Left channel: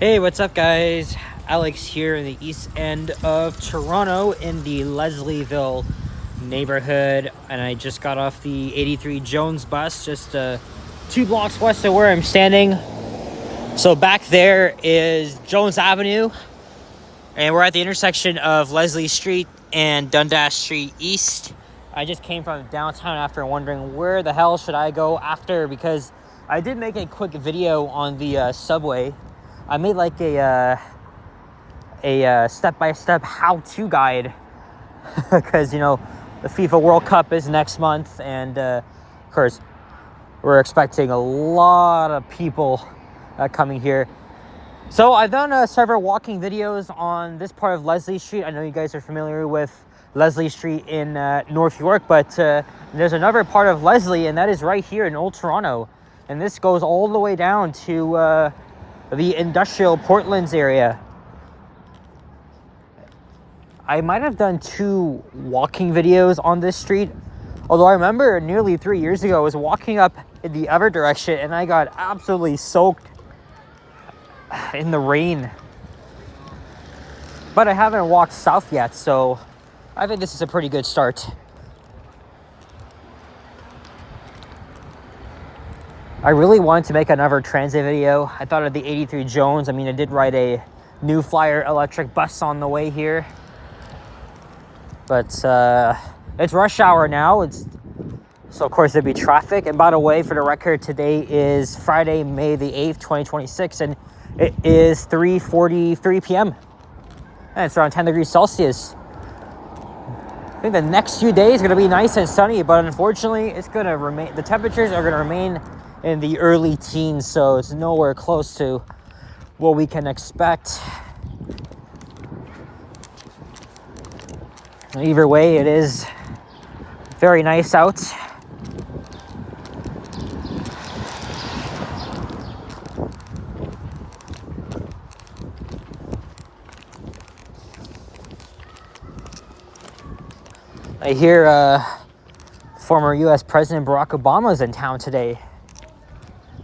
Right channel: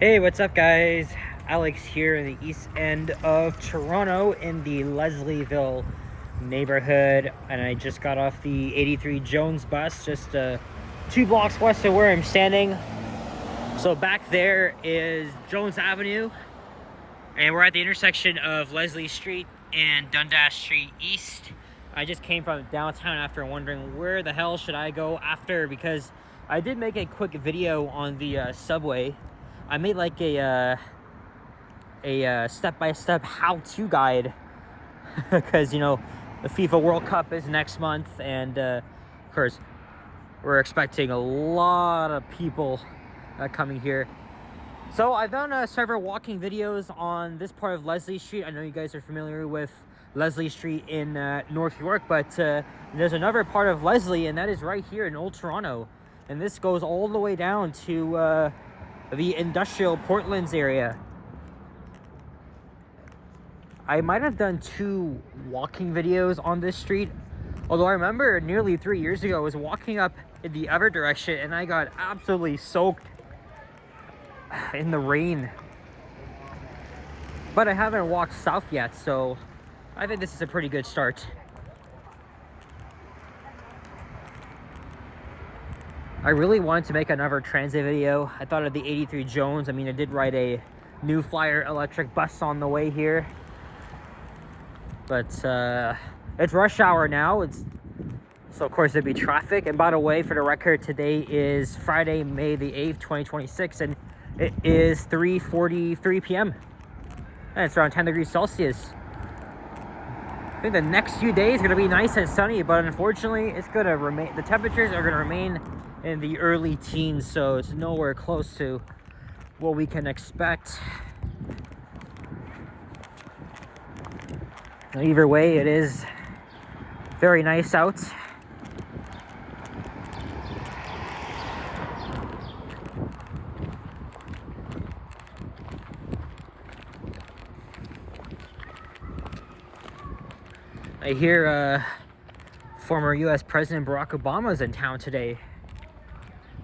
Hey, what's up, guys? Alex here in the east end of Toronto in the Leslieville neighborhood, and I just got off the 83 Jones bus just 2 blocks west of where I'm standing. So back there is Jones Avenue, and we're at the intersection of Leslie Street and Dundas Street East. I just came from downtown after wondering where the hell should I go after, because I did make a quick video on the subway. I made like a step-by-step how-to guide because, you know, the FIFA World Cup is next month, and of course, we're expecting a lot of people coming here. So I've done several walking videos on this part of Leslie Street. I know you guys are familiar with Leslie Street in North York, but there's another part of Leslie, and that is right here in Old Toronto. And this goes all the way down to the industrial Portlands area. I might have done 2 walking videos on this street, although I remember nearly 3 years ago I was walking up in the other direction and I got absolutely soaked in the rain. But I haven't walked south yet, so I think this is a pretty good start. I really wanted to make another transit video. I thought of the 83 Jones. I mean, I did ride a New Flyer electric bus on the way here. But it's rush hour now. So of course there'd be traffic. And by the way, for the record, today is Friday, May the 8th, 2026, and it is 3:43 p.m. and it's around 10 degrees Celsius. I think the next few days are gonna be nice and sunny, but unfortunately it's gonna remain, the temperatures are gonna remain in the early teens, so it's nowhere close to what we can expect. Either way, it is very nice out. I hear former U.S. President Barack Obama is in town today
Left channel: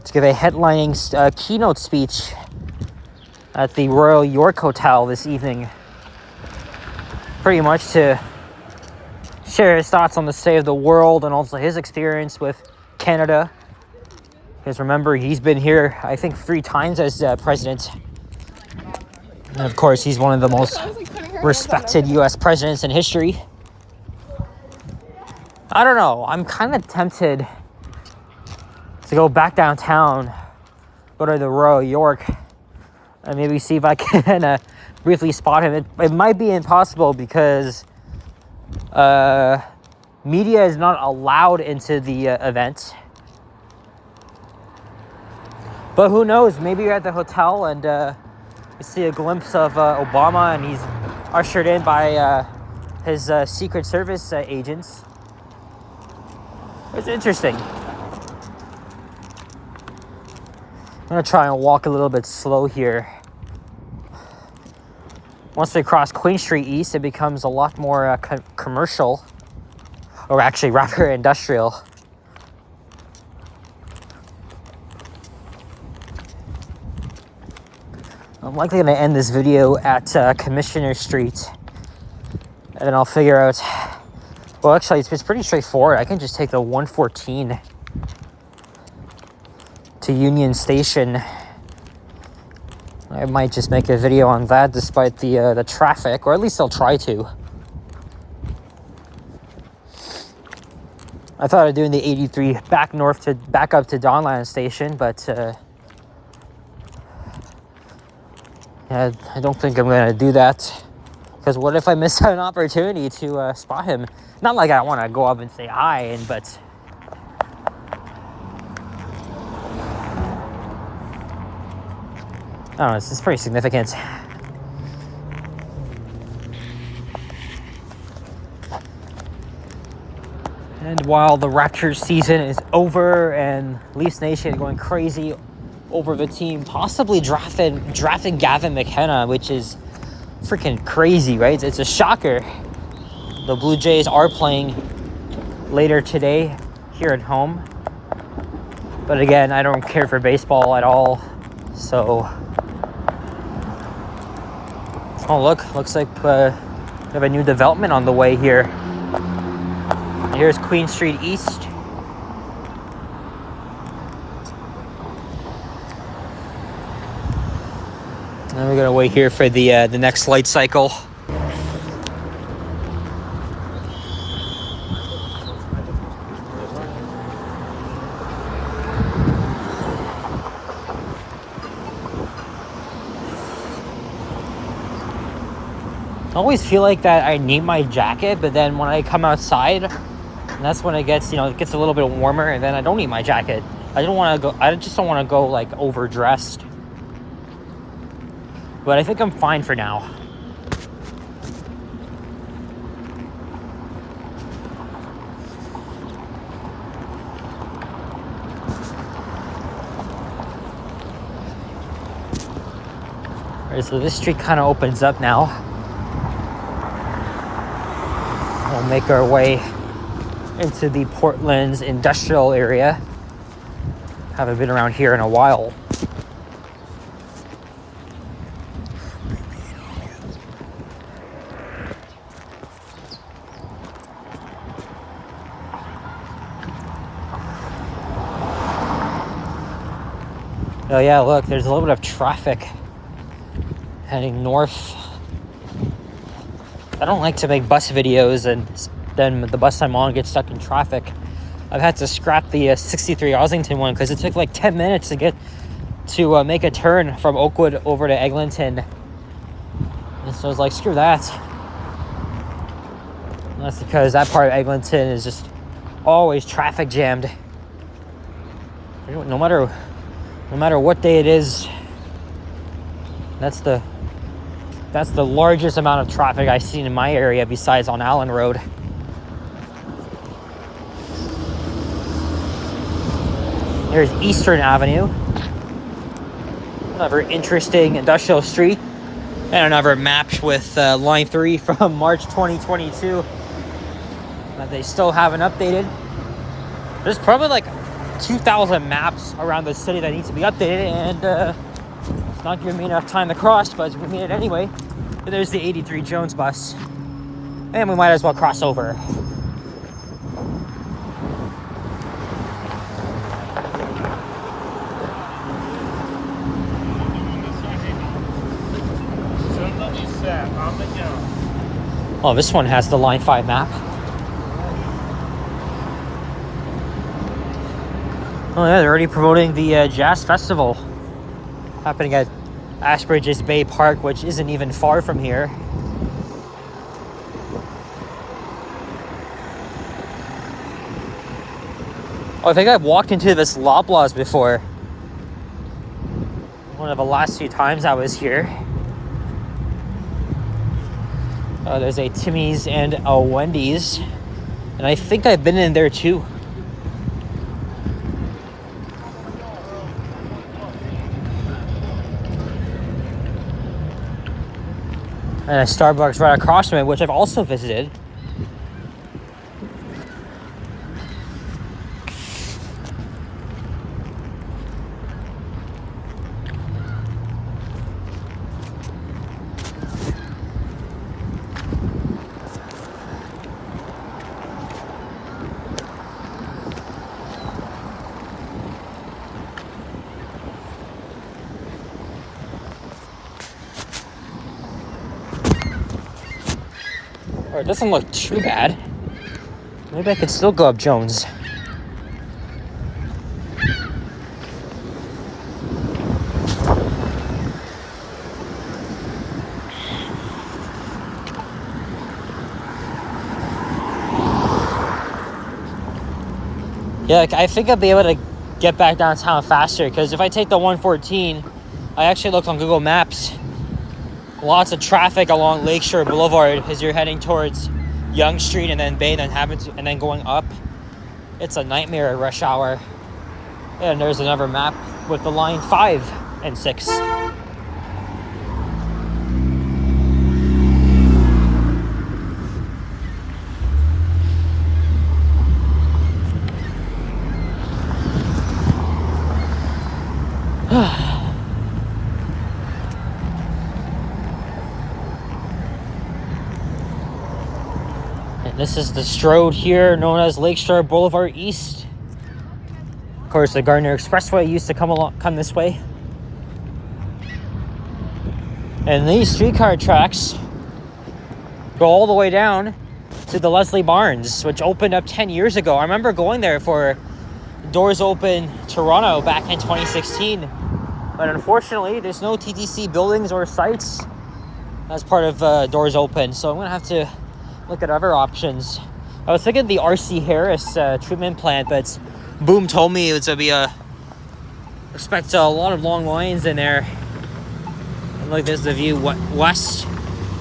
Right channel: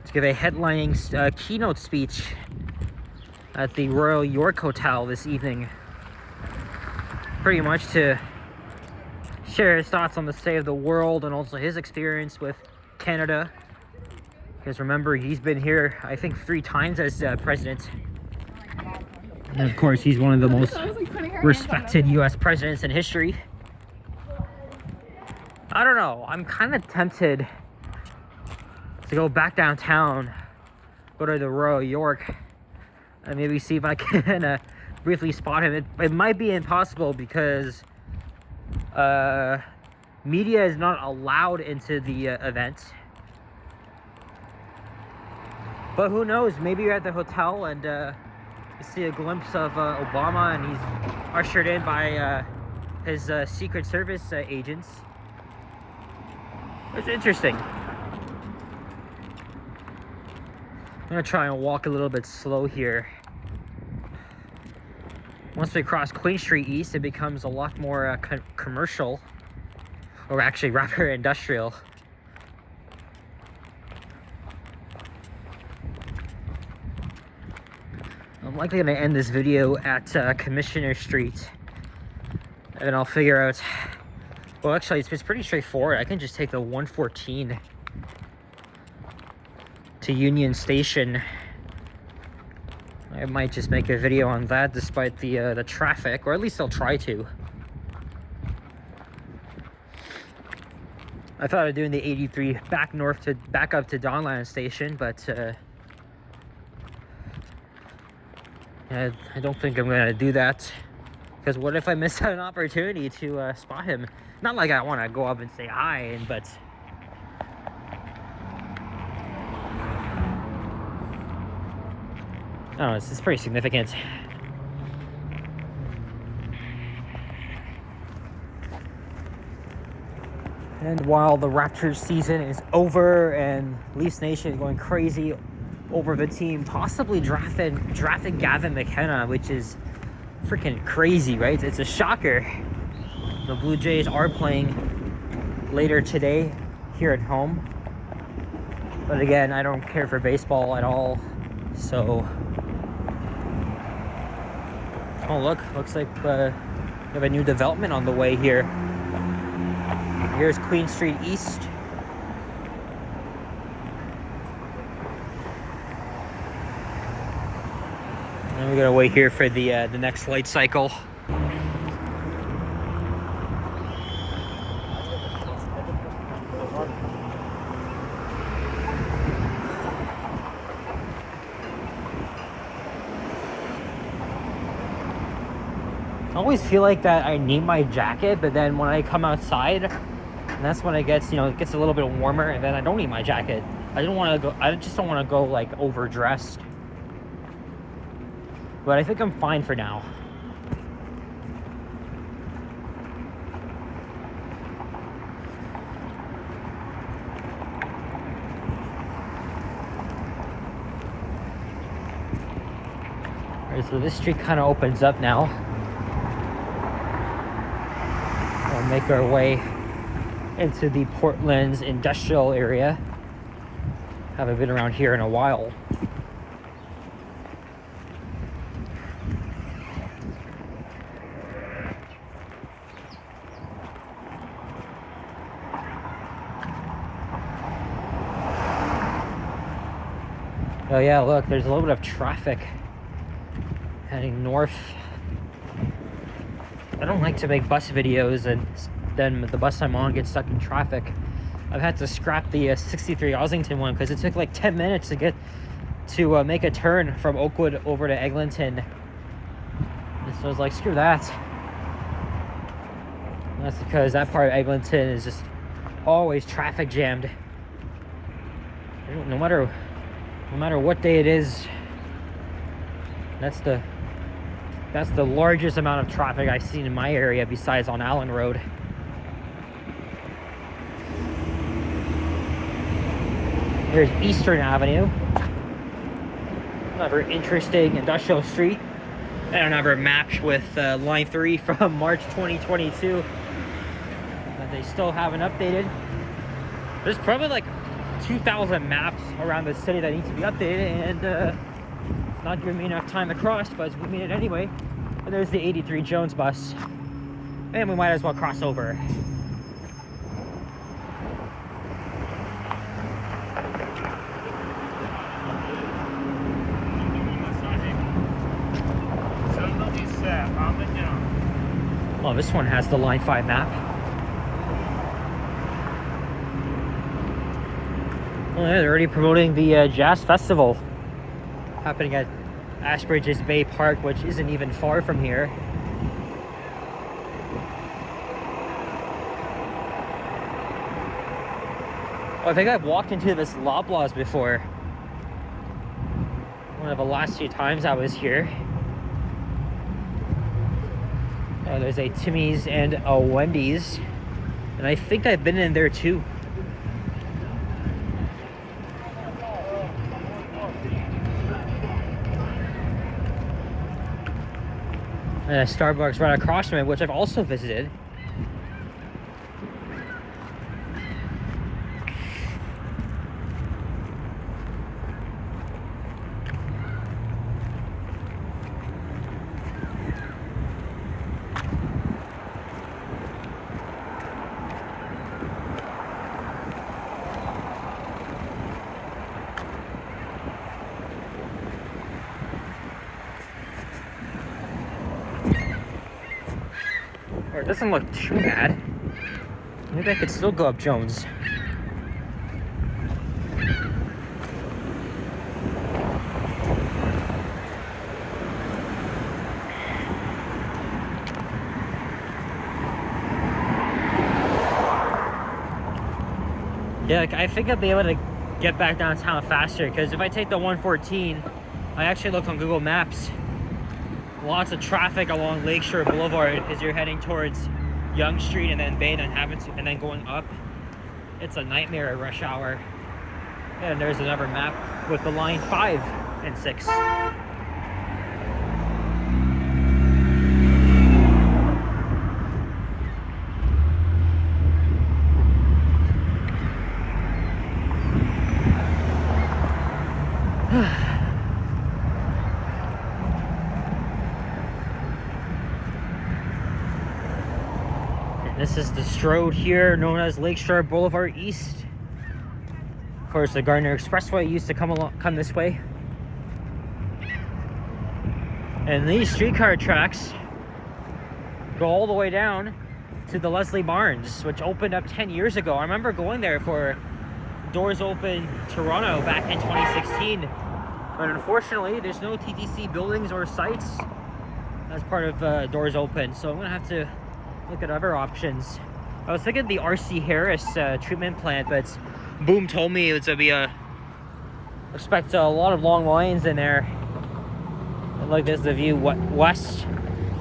to give a headlining keynote speech at the Royal York Hotel this evening. Pretty much to share his thoughts on the state of the world and also his experience with Canada. Because remember, he's been here, I think, 3 times as president. And of course, he's one of the most respected U.S. presidents in history. I don't know, I'm kind of tempted to go back downtown, go to the Royal York, and maybe see if I can briefly spot him. It might be impossible because media is not allowed into the event. But who knows, maybe you're at the hotel and you see a glimpse of Obama, and he's ushered in by his Secret Service agents. It's interesting. I'm gonna try and walk a little bit slow here. Once they cross Queen Street East, it becomes a lot more commercial, or actually rather industrial. I'm likely going to end this video at Commissioner Street, and then I'll figure out, well, actually it's pretty straightforward. I can just take the 114 to Union Station. I might just make a video on that despite the traffic, or at least I'll try to. I thought of doing the 83 back up to Donlan Station, but I don't think I'm gonna do that, because what if I miss an opportunity to spot him? Not like I want to go up and say hi, but I don't know, it's pretty significant. And while the Raptors season is over and Leafs Nation is going crazy over the team possibly drafting Gavin McKenna, which is freaking crazy, right? It's a shocker. The Blue Jays are playing later today here at home. But again, I don't care for baseball at all, so Oh, look, looks like we have a new development on the way here. Here's Queen Street East. And we're gonna wait here for the next light cycle. I always feel like that I need my jacket, but then when I come outside, and that's when it gets, it gets a little bit warmer, and then I don't need my jacket. I just don't want to go like overdressed. But I think I'm fine for now. All right, so this street kind of opens up now. We'll make our way into the Portland's industrial area. Haven't been around here in a while. Oh yeah, look, there's a little bit of traffic heading north. I don't like to make bus videos and then the bus I'm on gets stuck in traffic. I've had to scrap the 63 Oslington one because it took like 10 minutes to get to make a turn from Oakwood over to Eglinton. And so I was like, screw that. And that's because that part of Eglinton is just always traffic jammed. No matter what day it is, that's the largest amount of traffic I've seen in my area besides on Allen Road. There's Eastern Avenue. Another interesting industrial street. And another map with Line 3 from March 2022 that they still haven't updated. There's probably like 2,000 maps around the city that need to be updated, and it's not giving me enough time to cross, but we need it anyway. And there's the 83 Jones bus. And we might as well cross over. Oh, this one has the Line 5 map. Oh yeah, they're already promoting the Jazz Festival happening at Ashbridges Bay Park, which isn't even far from here. Oh, I think I've walked into this Loblaws before. One of the last few times I was here. There's a Timmy's and a Wendy's. And I think I've been in there too. And a Starbucks right across from it, which I've also visited. Or it doesn't look too bad. Maybe I could still go up Jones. Yeah, I think I'll be able to get back downtown faster, because if I take the 114, I actually looked on Google Maps. Lots of traffic along Lakeshore Boulevard as you're heading towards Yonge Street and then Bay, and then going up. It's a nightmare at rush hour. And there's another map with the Line 5 and 6. This is the Strode here, known as Lakeshore Boulevard East. Of course, the Gardner Expressway used to come this way. And these streetcar tracks go all the way down to the Leslie Barns, which opened up 10 years ago. I remember going there for Doors Open Toronto back in 2016. But unfortunately, there's no TTC buildings or sites as part of Doors Open. So I'm gonna have to look at other options. I was thinking the RC Harris treatment plant, but Boom told me it was gonna be expect a lot of long lines in there. And look, there's the view west,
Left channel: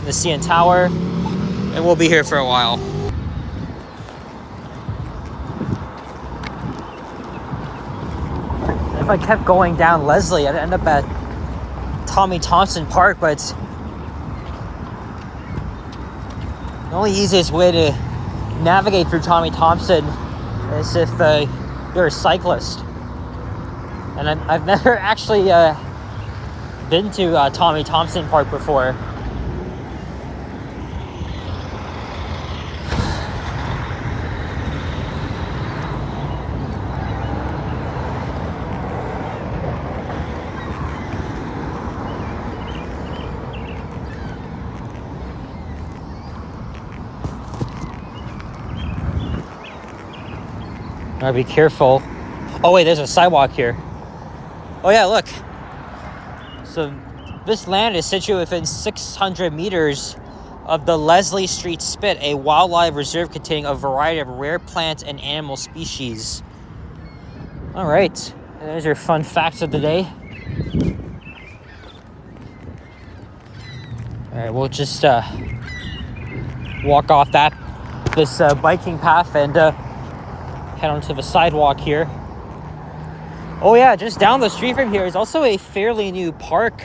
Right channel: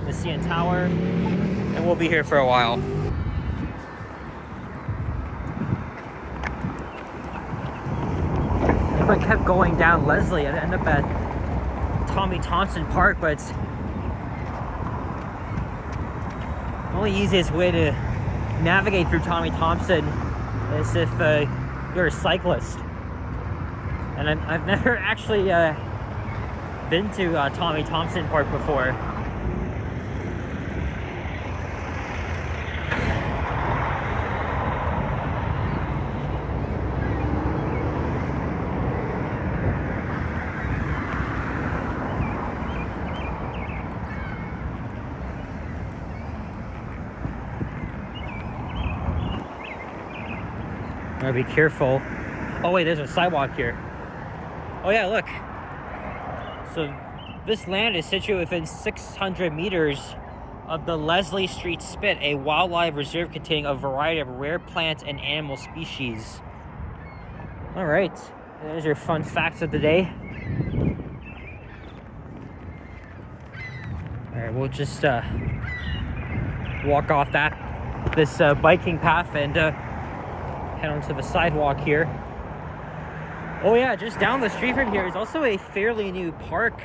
the CN Tower, and we'll be here for a while. If I kept going down Leslie, I'd end up at Tommy Thompson Park, but the only easiest way to navigate through Tommy Thompson is if you're a cyclist. And I've never actually been to Tommy Thompson Park before. Gotta be careful. Oh wait, there's a sidewalk here. Oh yeah, look. So this land is situated within 600 meters of the Leslie Street Spit, a wildlife reserve containing a variety of rare plant and animal species. All right, there's your fun facts of the day. All right, we'll just walk off this biking path and head onto the sidewalk here. Oh yeah, just down the street from here is also a fairly new park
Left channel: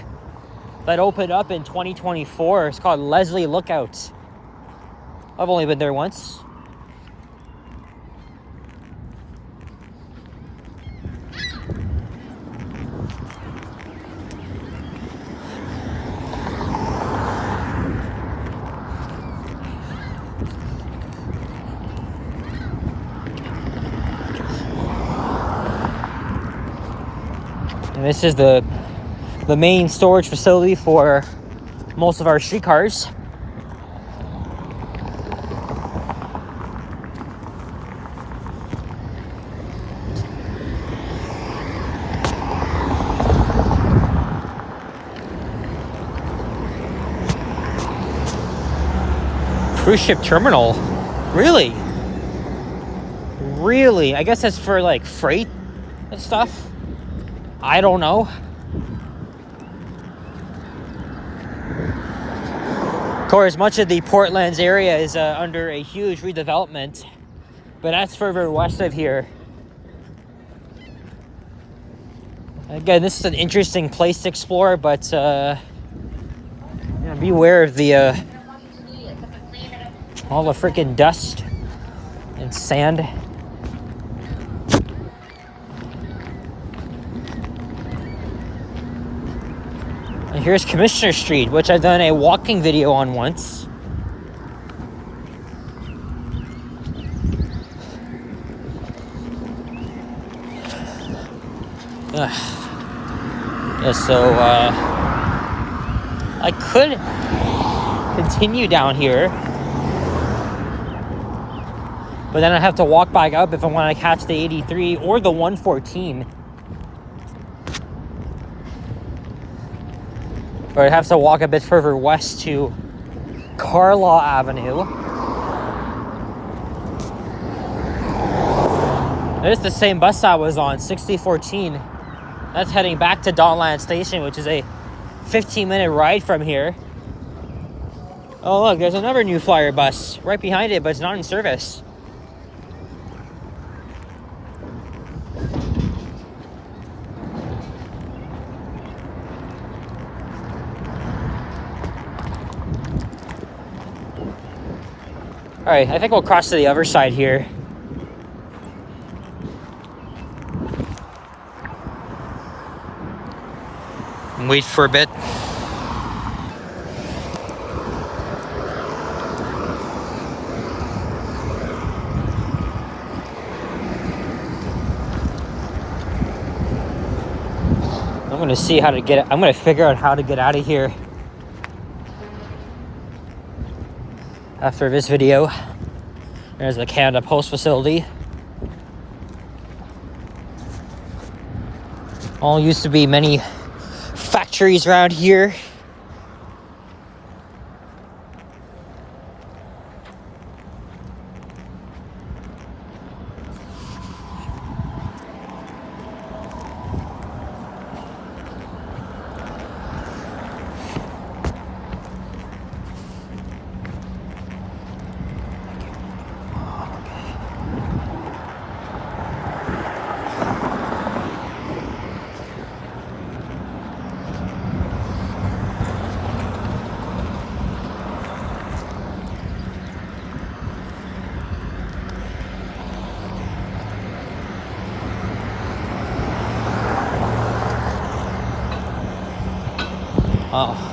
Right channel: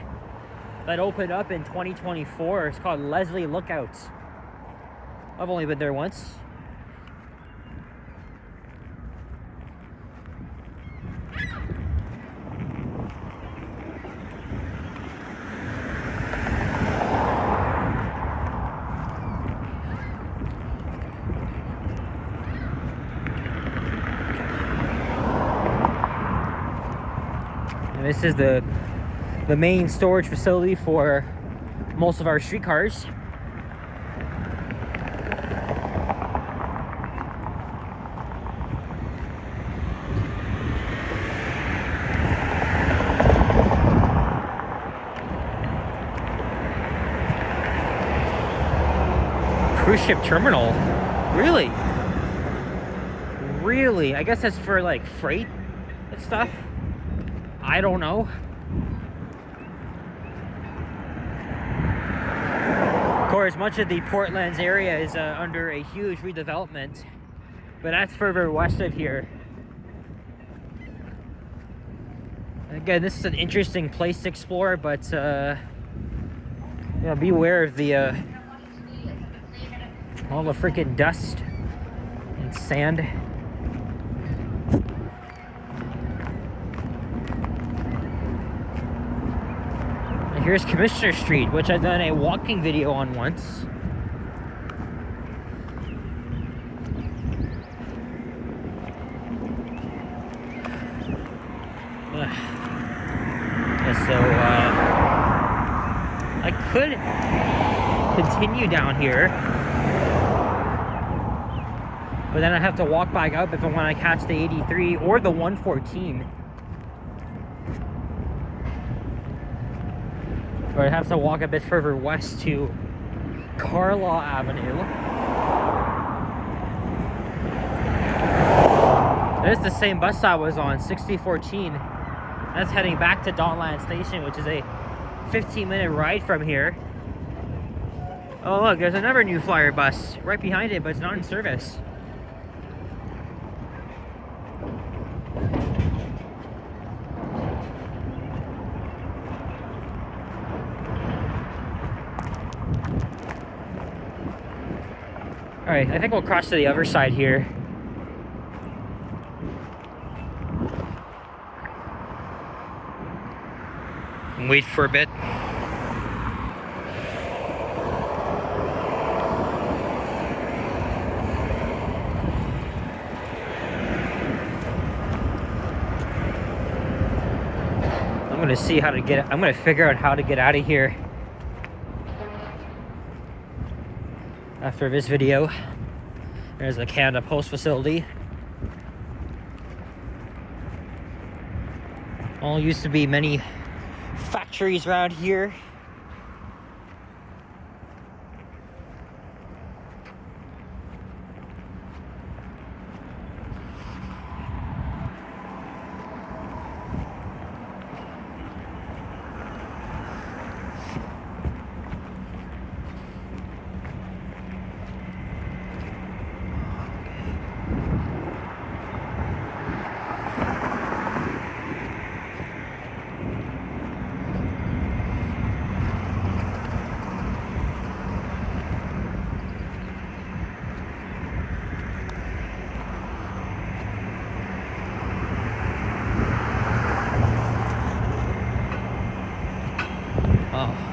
that opened up in 2024. It's called Leslie Lookout. I've only been there once. And this is the main storage facility for most of our streetcars. Cruise ship terminal? Really? Really? I guess that's for like freight and stuff. I don't know. Of course, much of the Portland's area is under a huge redevelopment, but that's further west of here. Again, this is an interesting place to explore, but beware of the all the freaking dust and sand. And here's Commissioner Street, which I've done a walking video on once. Yeah, so I could continue down here, but then I have to walk back up if I want to catch the 83 or the 114. Or I'd have to walk a bit further west to Carlaw Avenue. It's the same bus I was on, 6014. That's heading back to Dawnland Station, which is a 15-minute ride from here. Oh look, there's another New Flyer bus right behind it, but it's not in service. All right, I think we'll cross to the other side here. And wait for a bit. gonna see how to get. I'm gonna figure out how to get out of here after this video. There's the Canada Post facility. All used to be many factories around here. Oh.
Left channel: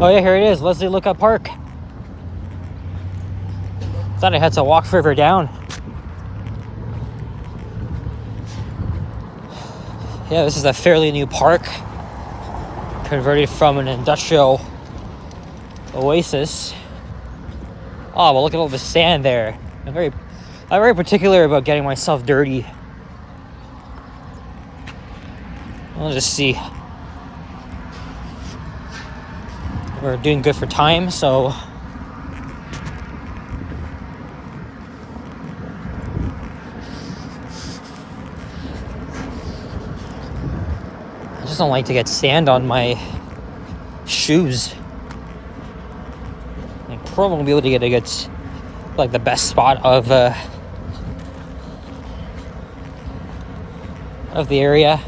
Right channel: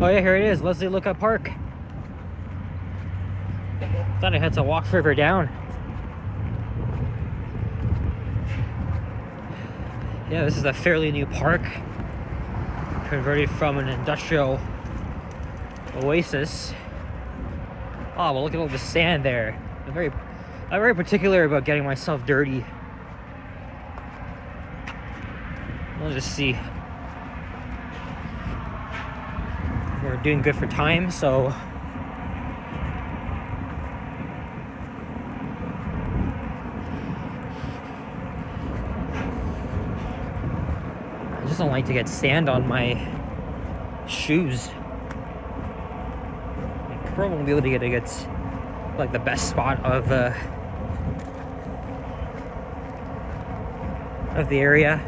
Oh yeah, here it is, Leslieville Park. Thought I had to walk further down. Yeah, this is a fairly new park, converted from an industrial oasis. Oh, well, look at all the sand there. I'm very particular about getting myself dirty. I'll just see. We're doing good for time, so I just don't like to get sand on my shoes. I probably won't be able to get like the best spot of the area.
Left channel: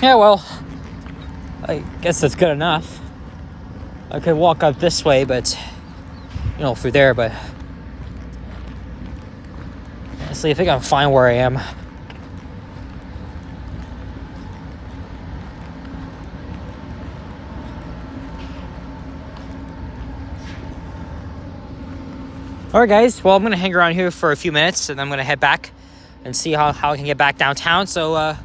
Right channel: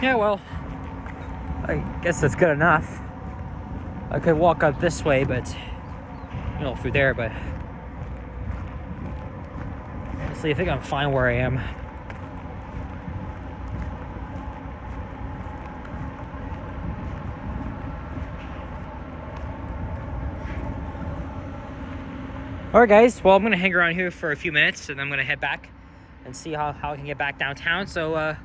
Yeah, well, I guess that's good enough. I could walk up this way, but, you know, through there, but honestly, I think I'm fine where I am. All right, guys, well, I'm gonna hang around here for a few minutes, and I'm gonna head back and see how I can get back downtown. So,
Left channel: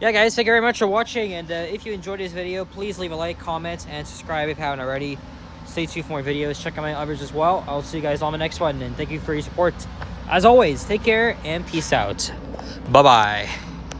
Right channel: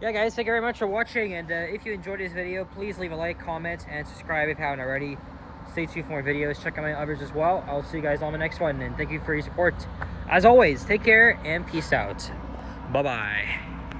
yeah, guys, thank you very much for watching, and if you enjoyed this video, please leave a like, comment, and subscribe if you haven't already. Stay tuned for more videos. Check out my others as well. I'll see you guys on the next one, and thank you for your support. As always, take care and peace out. Bye-bye.